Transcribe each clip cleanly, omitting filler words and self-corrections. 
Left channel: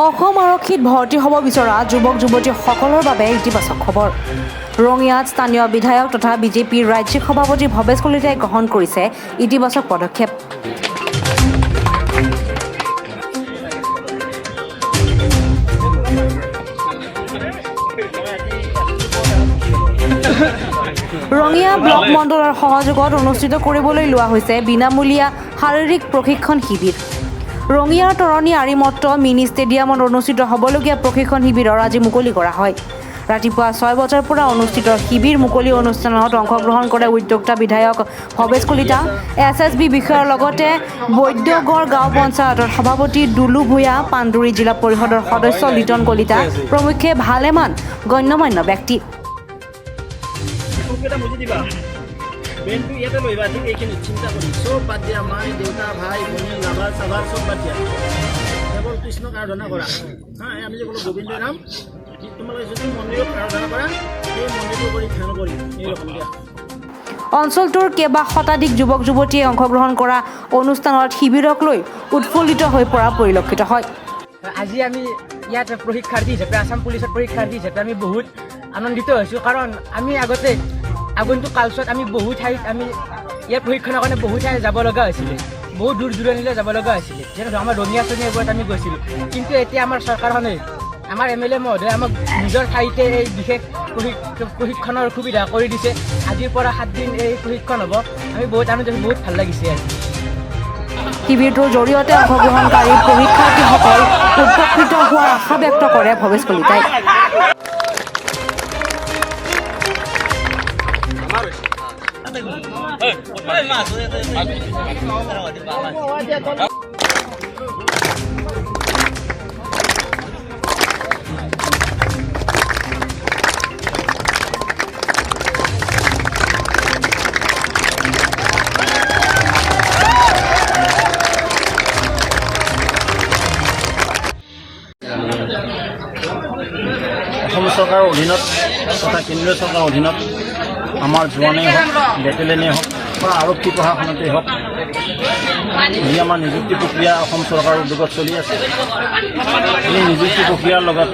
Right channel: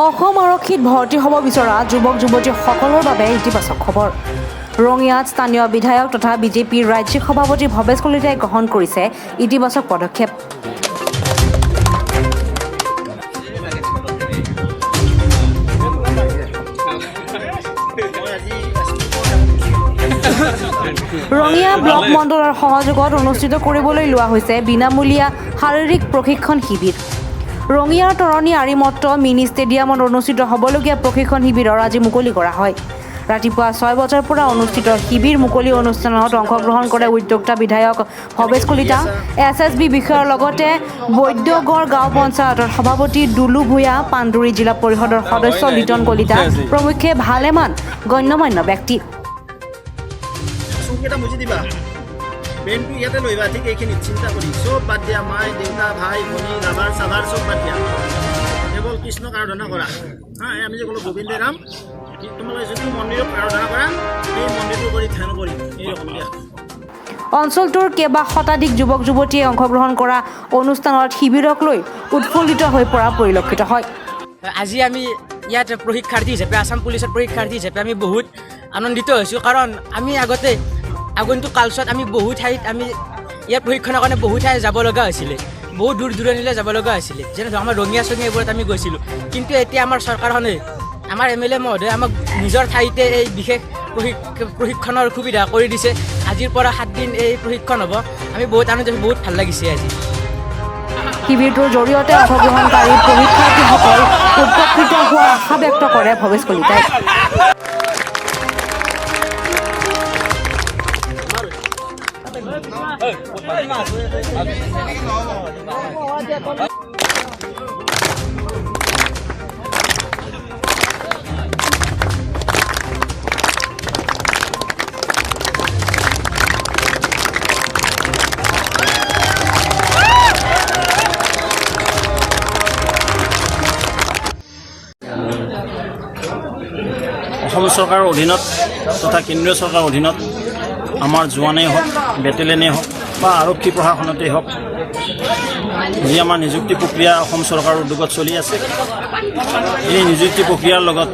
অসম আৰক্ষীত ভৰ্তি হ'ব বিচৰা যুৱক যুৱতীসকলৰ বাবে ইতিবাচক খবৰ। ৰঙিয়াত স্থানীয় বিধায়ক তথা বিজেপিৰ ৰাজ্যিক সভাপতি ভৱেশ কলিতাই গ্ৰহণ কৰিছে ইতিবাচক পদক্ষেপ। ৰঙিয়া ব্লক মণ্ডলৰ সহযোগত অনুষ্ঠিত কৰিবলৈ লোৱা হৈছে বিনামূলীয়া শাৰীৰিক প্ৰশিক্ষণ শিবিৰ। ৰঙিয়াৰ তৰণী আৰিমত্ত মিনি ষ্টেডিয়ামত অনুষ্ঠিত হ'বলগীয়া প্ৰশিক্ষণ শিবিৰৰ আজি মুকলি কৰা হয়। ৰাতিপুৱা 6 বজাৰ পৰা অনুষ্ঠিত শিবিৰ মুকলি অনুষ্ঠানত অংশগ্ৰহণ কৰে উদ্যোক্তা বিধায়ক ভৱেশ কলিতা, SSB বিষয়াৰ লগতে বৈদ্যগড় গাঁও পঞ্চায়তৰ সভাপতি দুলু ভূঞা, পাণ্ডুৰী জিলা পৰিষদৰ সদস্য লিটন কলিতা প্ৰমুখ্যে ভালেমান গণ্যমান্য ব্যক্তি। বেংকটো ইয়াতে লৈবা, ঠিক এইখিনি চিন্তা কৰি চব বাদ দিয়া, মাই দেউতা ভাই ভনী লাভাৰ চাভাৰ চব বাদ দিয়া, কেৱল কৃষ্ণক আৰাধনা কৰা। আমি যে ক'লো গোবিন্দে ৰাম, তোমালোকে যদি মন্দিৰক আৰাধনা কৰা, সেই মন্দিৰটো কৰি ধ্যান কৰি এইৰকম দিয়া। অঞ্চলটোৰ কেইবা শতাধিক যুৱক যুৱতীয়ে অংশগ্ৰহণ কৰা অনুষ্ঠানত শিবিৰক লৈ উৎফুল্লিত হৈ পৰা পৰিলক্ষিত হয়। আজি আমি ইয়াত প্ৰশিক্ষাৰ্থী হিচাপে আছাম পুলিচৰ প্ৰশিক্ষাৰ্থী হিচাপে আমি বহুত আনন্দিত হৈছোঁ, কাৰণ আমি আগন্তুক কালচোৱাত আমি বহু ঠাইত আমি ইয়াৰ প্ৰশিক্ষণৰ কাৰণে বহু ঠাই যাব লগা হৈছিলে, বহুত দূৰ দূৰণিলৈ যাব লগা হৈছিলে, যেনে আমাৰ ৰঙিয়া চঙিয়াবোৰত আমি গৈছিলোঁ। কিন্তু এতিয়া আমাৰ চৰকাৰখনে, আমাৰ MLA মহোদয়ে আমাক নিজৰ ঠাইতে এই বিশেষ প্ৰশিক্ষণৰ সুবিধা কৰি দিছে। আজিৰ পৰা 7 দিন এই প্ৰশিক্ষণ হ'ব, আমি বহুত আনন্দিত, বহুত ভাল লাগিছে আজি। শিবিৰটোৰ জৰিয়তে অংশগ্ৰহণকাৰী প্ৰশিক্ষাৰ্থীসকল উপকৃত হোৱাৰ আশা ব্যক্ত কৰে ভৱেশ কলিতাই। অসম চৰকাৰৰ অধীনত তথা কেন্দ্ৰীয় চৰকাৰৰ অধীনত আমাৰ জোৱানেই হওক, বেটেলিয়নেই হওক বা আৰক্ষী প্ৰশাসনতেই হওক, যি আমাৰ নিযুক্তি প্ৰক্ৰিয়া অসম চৰকাৰৰ উদ্যোগত চলি আছে, এই নিযুক্তি প্ৰক্ৰিয়াৰ লগত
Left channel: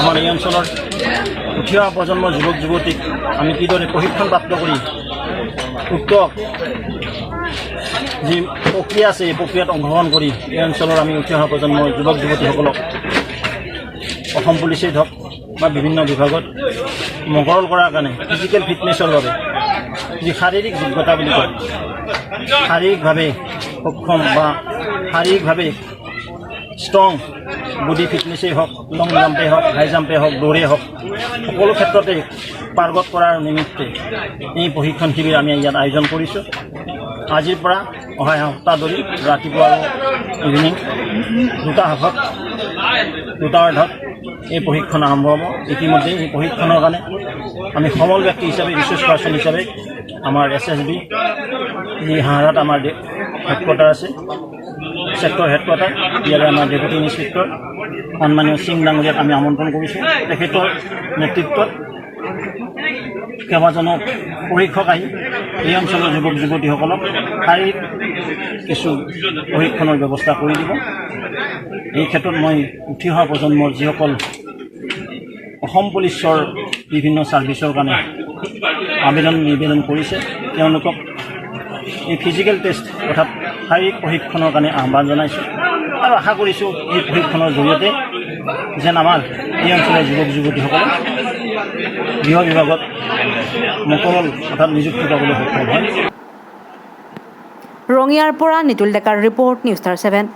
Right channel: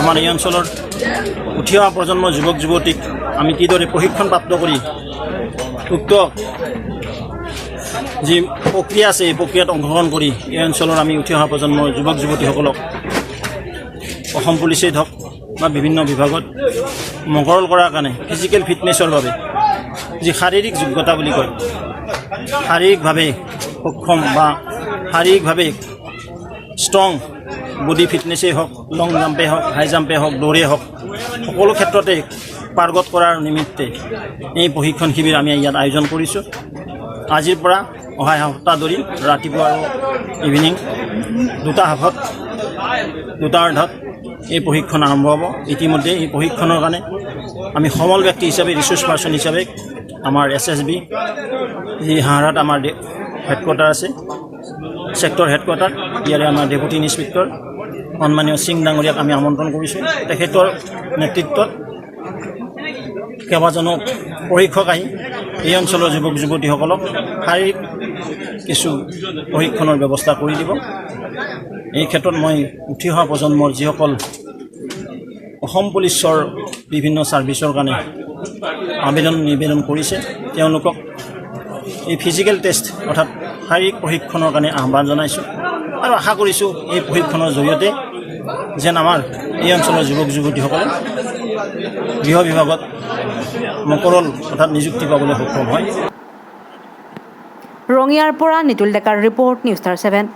আমাৰ এই অঞ্চলৰ উঠি অহা প্ৰজন্মৰ যুৱক যুৱতীক আমি কিদৰে প্ৰশিক্ষণপ্ৰাপ্ত কৰি উক্ত যি প্ৰক্ৰিয়া আছে এই প্ৰক্ৰিয়াত অংশগ্ৰহণ কৰি এই অঞ্চলৰ আমি উঠি অহা প্ৰজন্মৰ যুৱক যুৱতীসকলক অসম পুলিচেই হওক বা বিভিন্ন বিভাগত মকৰল কৰাৰ কাৰণে ফিজিকেল ফিটনেছৰ বাবে যি শাৰীৰিক যোগ্যতা বুলি কয়, শাৰীৰিকভাৱে সক্ষম বা শাৰীৰিকভাৱে ষ্ট্ৰং বডি ফিটনেছেই হওক, লং জাম্পেই হওক, হাই জাম্পেই হওক, দৌৰেই হওক, সকলো ক্ষেত্ৰতে পাৰ্গত কৰাৰ নিমিত্তে এই প্ৰশিক্ষণ শিবিৰ আমি ইয়াত আয়োজন কৰিছোঁ। আজিৰ পৰা অহা সপ্তাহ ধৰি ৰাতিপুৱা আৰু ইভিনিং 2টা হাফত 2টা অৰ্ধত এই প্ৰশিক্ষণ আৰম্ভ হ'ব। ইতিমধ্যে এই প্ৰশিক্ষণৰ কাৰণে আমি সমল ব্যক্তি হিচাপে, ৰিচোৰ্চ পাৰ্চন হিচাপে আমাৰ SSB যি হাঁহাৰত আমাৰ হেডকোৱাৰ্টাৰ আছে, ছেক্টৰ হেডকোৱাৰ্টাৰ, ইয়াৰে আমাৰ ডেপুটি ইন্সপেক্টৰ সন্মানীয় সিং ডাঙৰীয়াক আমি আমন্ত্ৰণ কৰিছোঁ। তেখেতৰ নেতৃত্বত কেইবাজনক প্ৰশিক্ষক আহি এই অঞ্চলৰ যুৱক যুৱতীসকলক শাৰীৰিক কিছু প্ৰশিক্ষণৰ ব্যৱস্থা কৰি দিব। এই ক্ষেত্ৰত মই উঠি অহা প্ৰজন্মৰ যিসকল অসম পুলিচৰ বিভিন্ন ছাৰ্ভিচৰ কাৰণে নিবেদন কৰিছে, তেওঁলোকক এই ফিজিকেল টেষ্ট অৰ্থাৎ শাৰীৰিক প্ৰশিক্ষণৰ কাৰণে আহ্বান জনাইছোঁ আৰু আশা কৰিছোঁ এই প্ৰশিক্ষণৰ জৰিয়তে যেন আমাৰ এই অঞ্চলৰ যুৱক যুৱতীসকলে গৃহ বিভাগত মকৰল অৰ্থাৎ নিযুক্তি পাবলৈ সক্ষম হয়। ৰঙিয়াৰ পৰা নিতুল ডেকাৰ ৰিপৰ্ট, নিউজ ষ্টাৰ 7।